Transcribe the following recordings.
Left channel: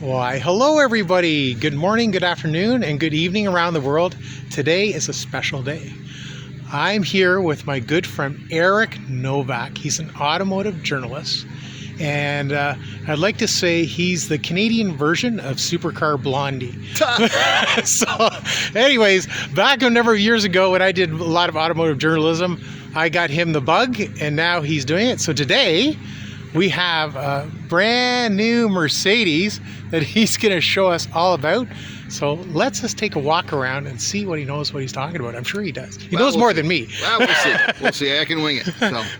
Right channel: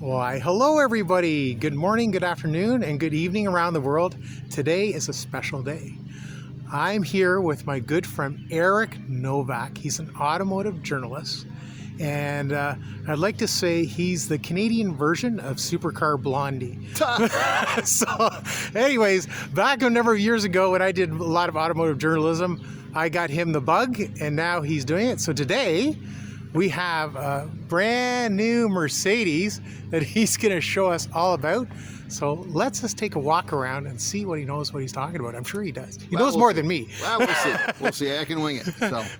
Why, hello everybody. Good morning, good afternoon, and good evening around the world. Today is a special day. I'm here with my good friend Eric Novak. He's an automotive journalist, and I'd like to say he's the Canadian version of Supercar Blondie. So anyways, back a number of years ago when I did a lot of automotive journalism, I got him the bug, and now he's doing it. So today we have a brand new Mercedes that he's going to show us all about. So let's just take a walk around and see what he knows, what he's talking about. I'm sure he does. He knows more than me. Well, we'll see. We'll see. I can wing it.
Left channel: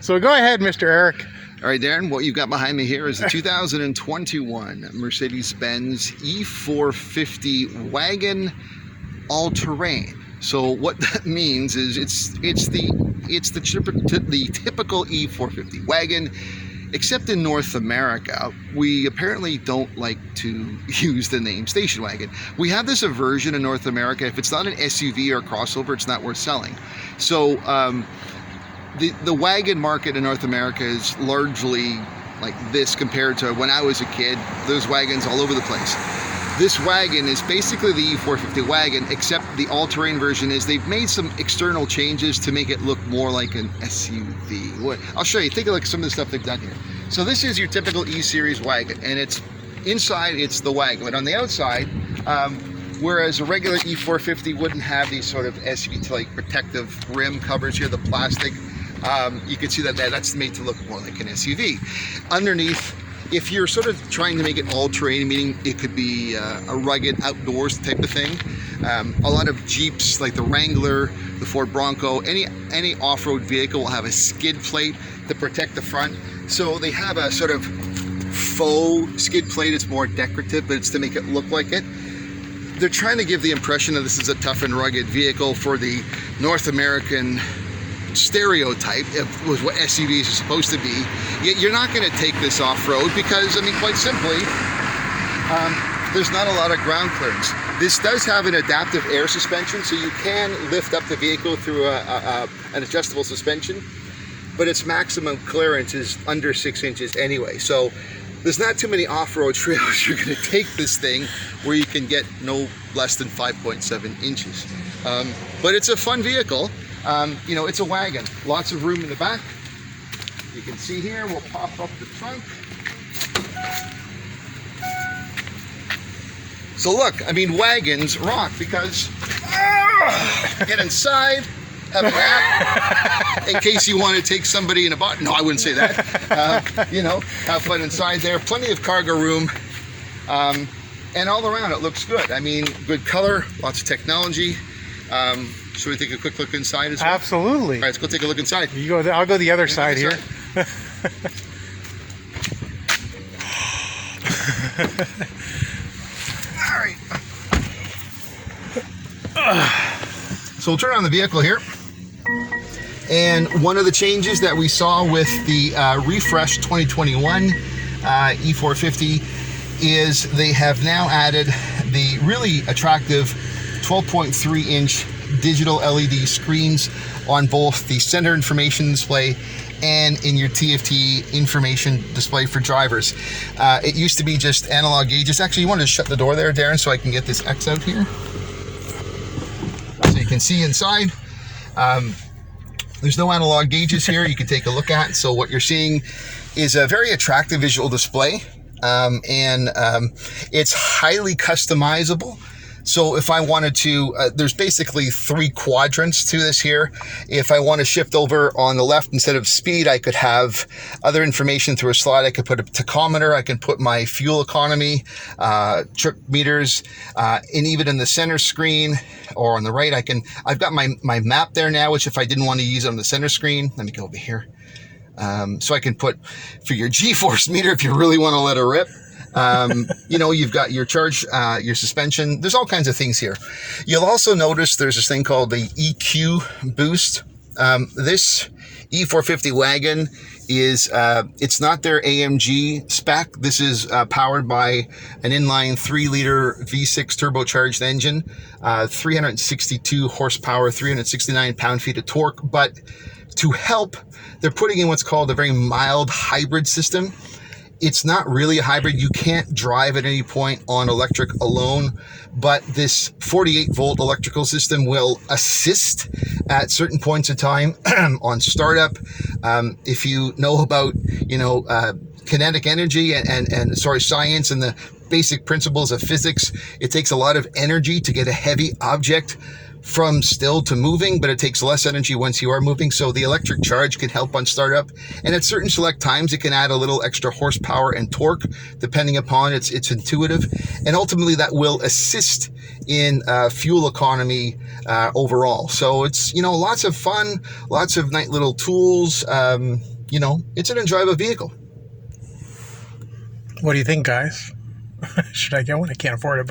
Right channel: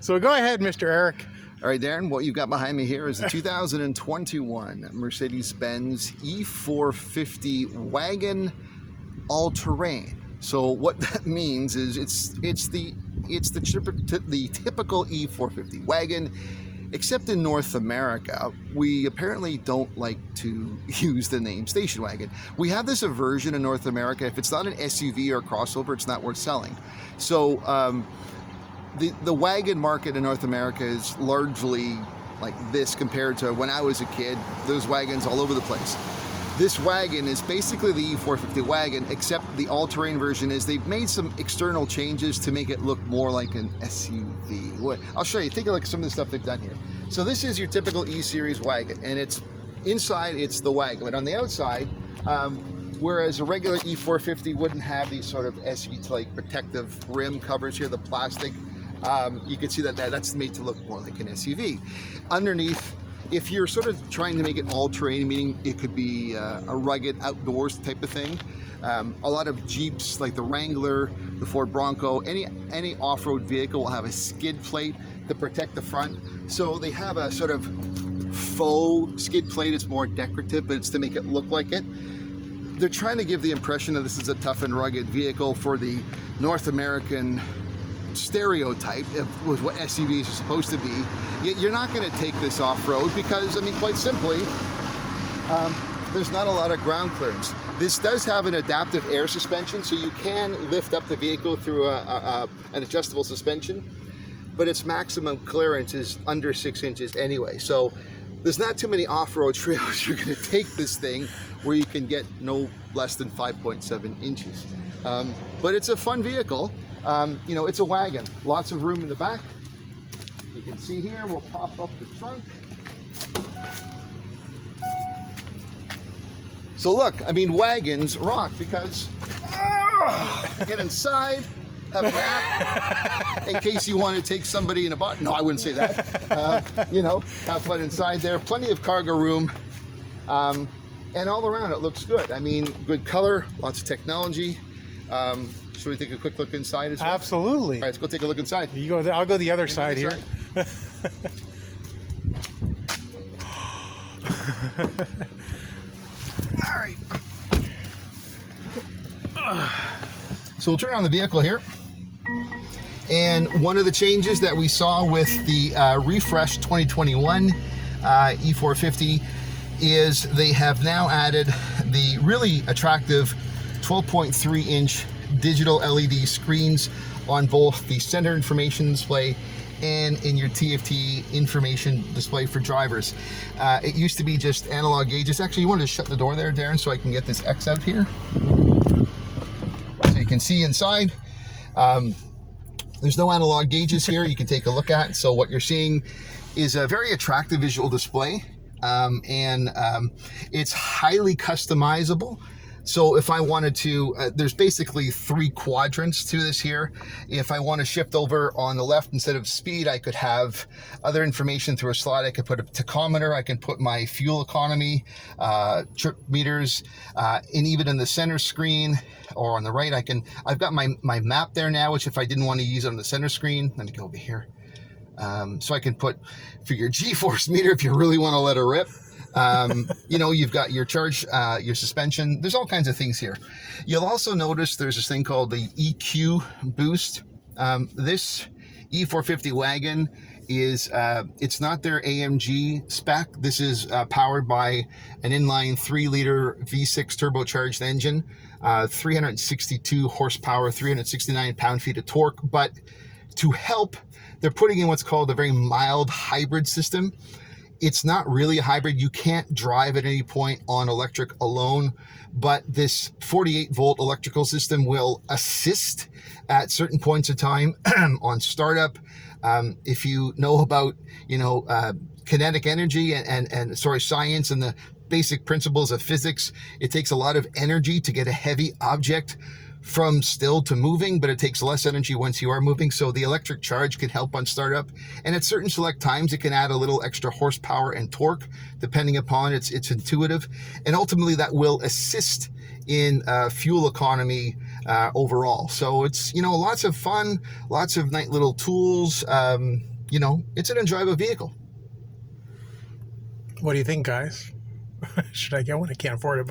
So go ahead, Mr. Eric. All right, Darren, what you've got behind me here is a 2021 Mercedes-Benz E450 Wagon all-terrain. So what that means is it's the typical E450 wagon. Except in North America, we apparently don't like to use the name station wagon. We have this aversion in North America. If it's not an SUV or crossover, it's not worth selling. So the wagon market in North America is largely like this compared to when I was a kid. There's wagons all over the place. This wagon is basically the E450 wagon, except the all-terrain version is they've made some external changes to make it look more like an SUV. I'll show you. Take a look at some of the stuff they've done here. So this is your typical E-Series wagon, and it's inside, it's the wagon. But on the outside, whereas a regular E450 wouldn't have these sort of SUV-like protective rim covers here, the plastic, you can see that that's made to look more like an SUV. Underneath, if you're sort of trying to make it all-terrain, meaning it could be a rugged outdoors type of thing, a lot of Jeeps like the Wrangler, the Ford Bronco, any off-road vehicle will have a skid plate to protect the front. So they have a sort of faux skid plate. It's more decorative, but it's to make it look like it. They're trying to give the impression that this is a tough and rugged vehicle for the North American stereotype of what SUVs are supposed to be. Yet you're not going to take this off-road because, I mean, quite simply, there's not a lot of ground clearance. This does have an adaptive air suspension, so you can lift up the vehicle through an adjustable suspension, but its maximum clearance is under 6 inches anyway. So there's not too many off-road trails you're going to take this thing where you can get no less than 5.7 inches. But it's a fun vehicle. You know, it's a wagon. Lots of room in the back. You can see here, we'll pop up the trunk. So look, I mean, wagons rock because get inside, have a nap, in case you want to take somebody in a boat. No, I wouldn't say that. You know, have fun inside there. Plenty of cargo room. And all around it looks good. I mean, good color, lots of technology. Should we take a quick look inside as well? Absolutely. All right, let's go take a look inside. You go. I'll go the other side here. All right. So we'll turn on the vehicle here. And one of the changes that we saw with the refresh 2021 E450 is they have now added the really attractive 12.3-inch digital LED screens on both the center information display and in your TFT information display for drivers. It used to be just analog gauges. Actually, you wanted to shut the door there, Darren, so I can get this X out here. So you can see inside. There's no analog gauges here you can take a look at. So what you're seeing is a very attractive visual display, and it's highly customizable. So if I wanted to, there's basically 3 quadrants to this here. If I want to shift over on the left, instead of speed, I could have other information through a slot. I could put a tachometer, I can put my fuel economy, trip meters, and even in the center screen or on the right, I've got my map there now, which if I didn't want to use it on the center screen, let me go over here. So I can put for your G-force meter if you really want to let it rip. You know, you've got your charge, your suspension. There's all kinds of things here. You'll also notice there's this thing called the EQ boost. This E450 wagon is, it's not their AMG spec. This is powered by an inline 3-liter V6 turbocharged engine, 362 horsepower, 369 pound-feet of torque. But to help, they're putting in what's called a very mild hybrid system. it's not really a hybrid. You can't drive at any point on electric alone, but this 48 volt electrical system will assist at certain points of time on startup. If you know about, kinetic energy and science and the basic principles of physics, it takes a lot of energy to get a heavy object from still to moving, but it takes less energy once you are moving. So the electric charge can help on startup, and at certain select times it can add a little extra horsepower and torque depending upon its intuitive, and ultimately that will assist in fuel economy overall. So it's lots of fun, lots of nice little tools. It's an enjoyable vehicle. What do you think, guys? Should I get one? I can't afford it,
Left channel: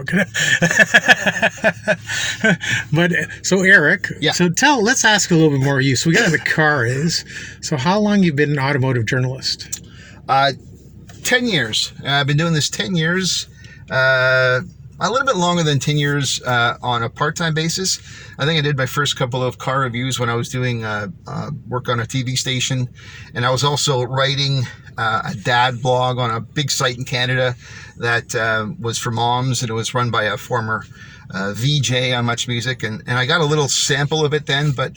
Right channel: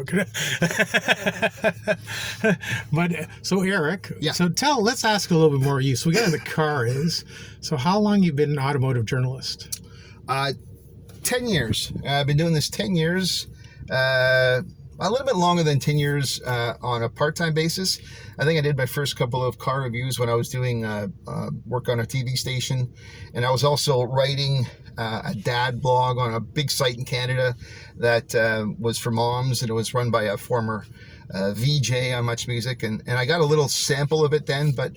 but so Eric, yeah. So let's ask a little bit more of you. So we got the car is. So how long you been an automotive journalist? 10 years. I've been doing this 10 years. A little bit longer than 10 years on a part-time basis. I think I did my first couple of car reviews when I was doing work on a TV station, and I was also writing a dad blog on a big site in Canada that was for moms, and it was run by a former VJ on Much Music, and I got a little sample of it then. But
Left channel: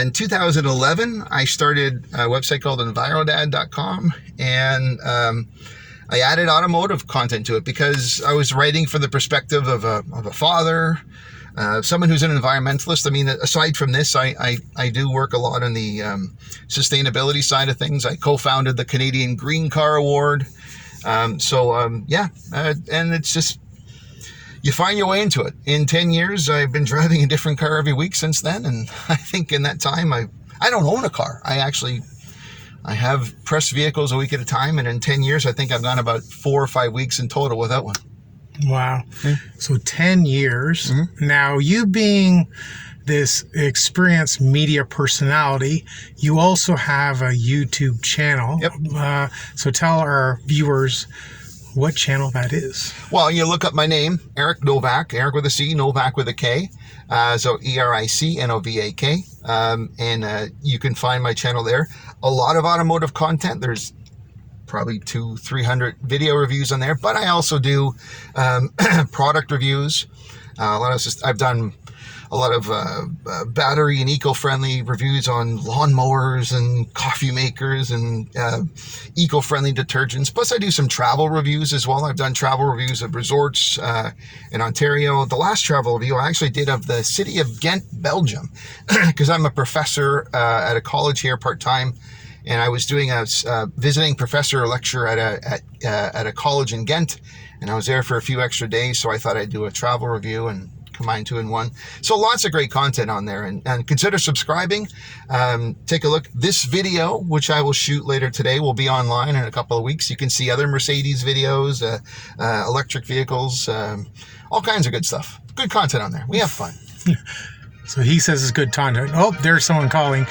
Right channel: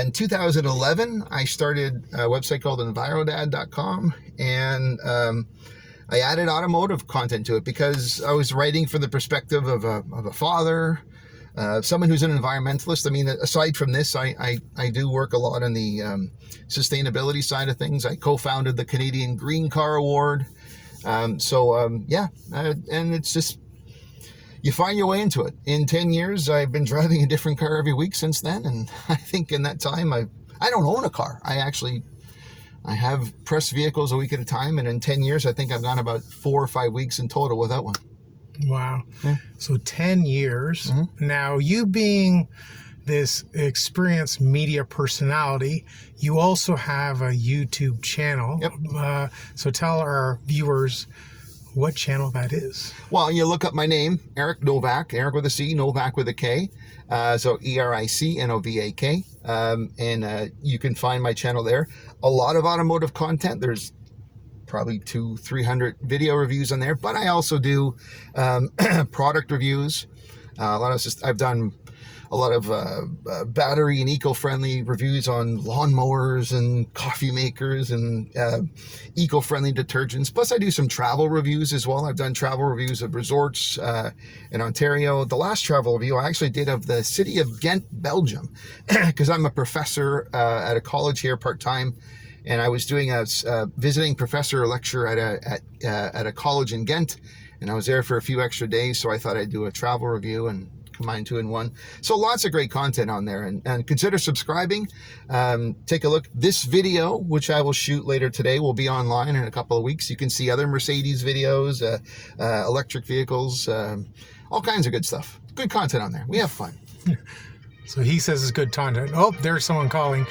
in 2011, I started a website called envirodad.com, and I added automotive content to it because I was writing from the perspective of a father, someone who's an environmentalist. I mean, aside from this, I do work a lot on the sustainability side of things. I co-founded the Canadian Green Car Award. And it's just, you find your way into it. In 10 years, I've been driving a different car every week since then, and I think in that time, I don't own a car. I have press vehicles a week at a time, and in 10 years, I think I've gone about 4 or 5 weeks in total without one. Wow. Yeah. So 10 years. Mm-hmm. Now, you being this experienced media personality, you also have a YouTube channel. Yep. So tell our viewers what channel that is. Well, you look up my name, Eric Novak, Eric with a C, Novak with a K. So ERICNOVAK. And you can find my channel there. A lot of automotive content. There's probably 200-300 video reviews on there, but I also do product reviews. I've done a lot of battery and eco-friendly reviews on lawnmowers and coffee makers and eco-friendly detergents. Plus, I do some travel reviews as well. I've done travel reviews of resorts in Ontario. The last travel review I actually did of the city of Ghent, Belgium, because I'm a professor at a college here part-time. And I was doing a visiting professor lecture at a college in Ghent, and I was there for a few extra days, so I thought I'd do a travel review and combine two in one. So lots of great content on there, and consider subscribing. Take a look. This video, which I will shoot later today, will be online in a couple of weeks. You can see other Mercedes videos, electric vehicles, all kinds of good stuff. Good content on there. We have fun. So he says it's good content. Oh, there's someone calling.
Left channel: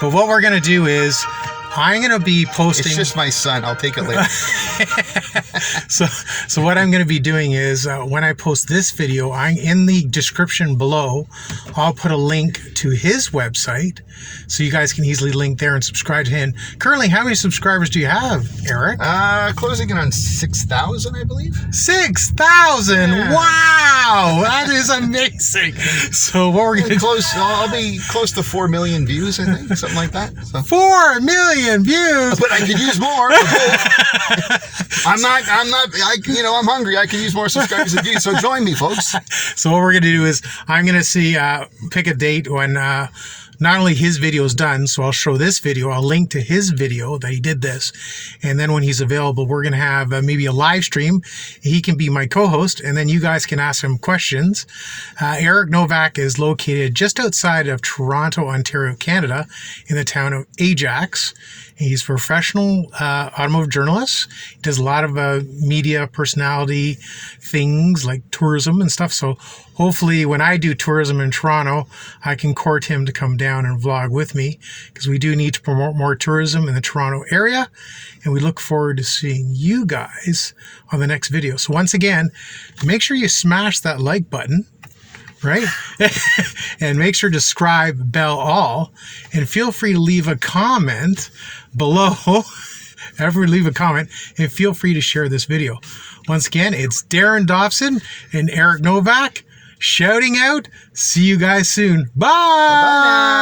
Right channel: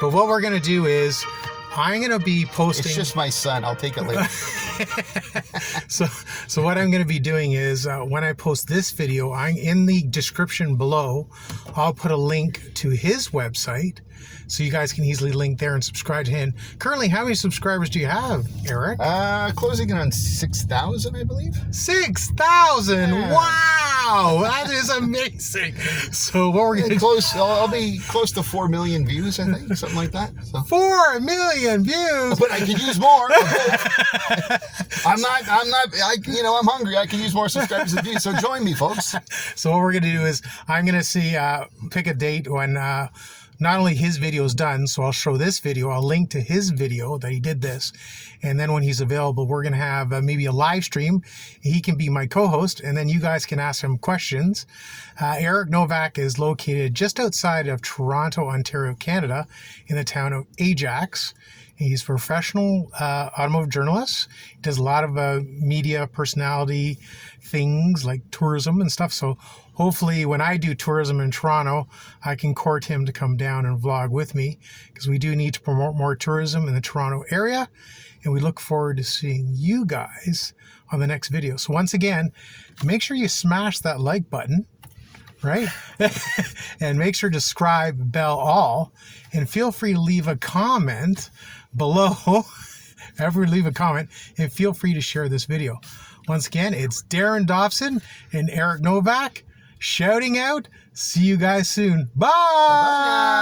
But what we're going to do is I'm going to be posting... It's just my son. I'll take it later. So what I'm going to be doing is when I post this video, in the description below, I'll put a link to his website so you guys can easily link there and subscribe to him. Currently, how many subscribers do you have, Eric? Closing in on 6,000, I believe. 6,000! Yeah. Wow! That is amazing. So what we're going to... I'll be close to 4 million views, I think, something like that. So. 4 million views! But I could use more. I'm hungry. I can use more subscribers and views. So join me, folks. So what we're going to do is I'm going to pick a date when not only his video is done, so I'll show this video, I'll link to his video that he did this, and then when he's available, we're going to have maybe a live stream. He can be my co-host, and then you guys can ask him questions. Eric Novak is located just outside of Toronto, Ontario, Canada, in the town of Ajax. He's a professional automotive journalist. He does a lot of media personality things like tourism and stuff. So hopefully when I do tourism in Toronto, I can court him to come down and vlog with me, because we do need to promote more tourism in the Toronto area. And we look forward to seeing you guys on the next video. So once again, make sure you smash that like button. Right? And make sure to subscribe, bell all, and feel free to leave a comment below ever leave a comment, and feel free to share this video. Once again, it's Darren Dobson and Eric Novak shouting out. See you guys soon. Bye! Bye now.